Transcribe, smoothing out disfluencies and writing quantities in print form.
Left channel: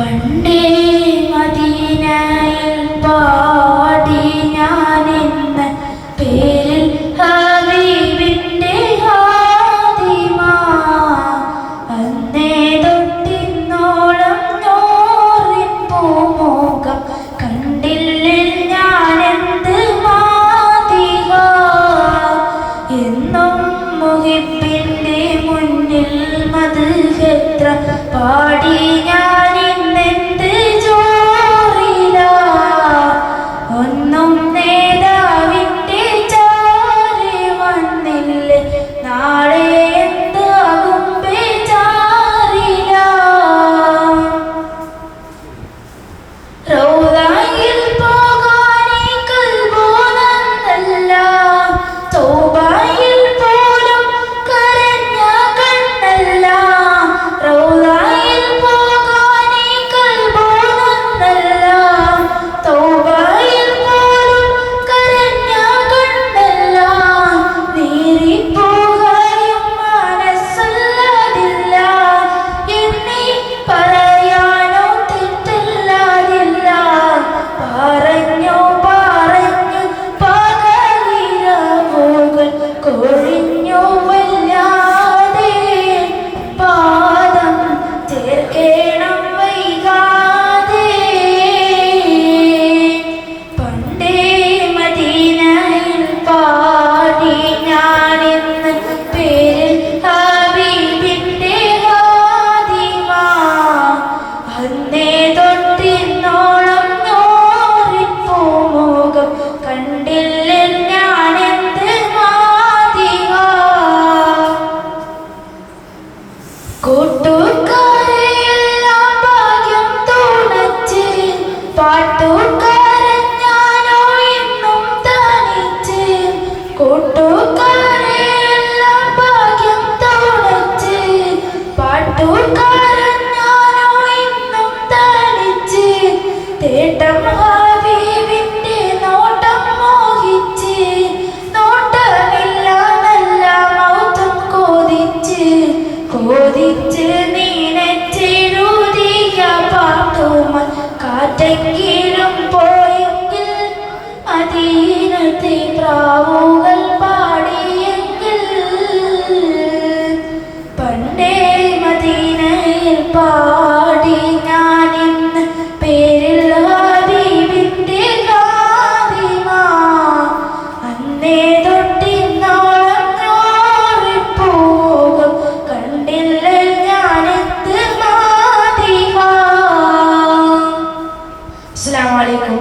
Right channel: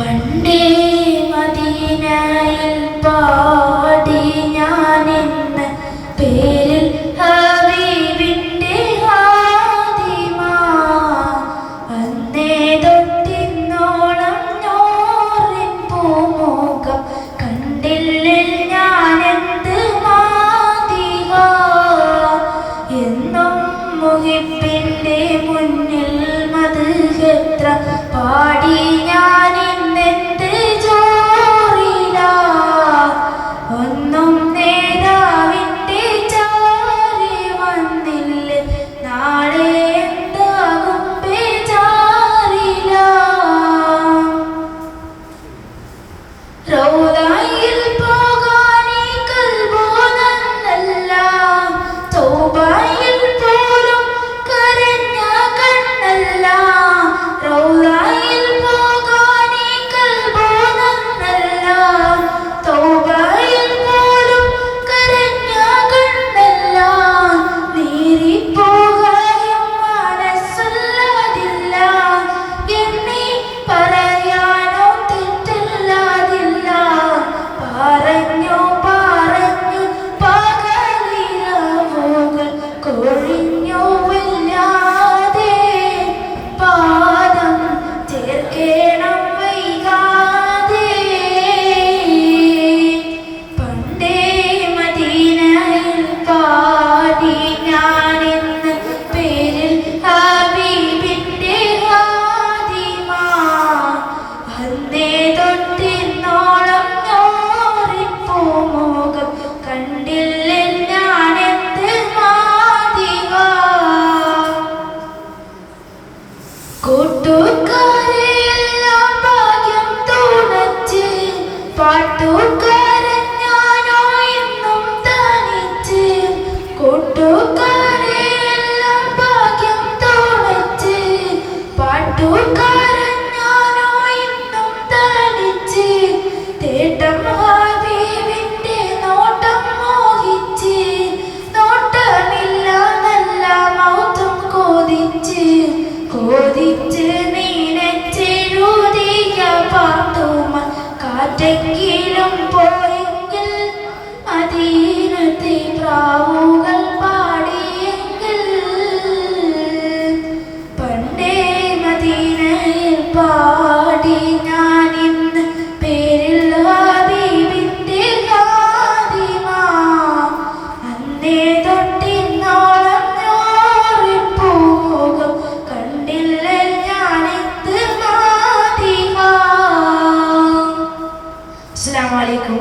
പണ്ടേ മദീനയിൽ പാടി ഞാനെന്ന പേരിൽ ഹബീബിന്റെ ഹാദിമ അന്നേ തൊട്ടിന്നോളം നോറിൻ പൂമുഖം കണ്ടില്ലേ ഞാനെന്ത് മാതിക എന്നും മുഹിബിന്റെ മുന്നിൽ മദ്ഹെത്ര പാടി കാറ്റെങ്കിലും പോയെങ്കിൽ മദീനത്തെ പ്രാവുകൾ പാടിയെങ്കിൽ പണ്ടേ മദീനയിൽ പാടി ഞാനിന്ന് പേരിൽ ഹബീബിന്റെ ഹാദിമ അന്നേ തൊട്ടിന്നോളം നോറിപ്പോകും കണ്ടില്ല ഞാനെന്ത് മാതിക. അസ്സലാമു അലൈക്കും.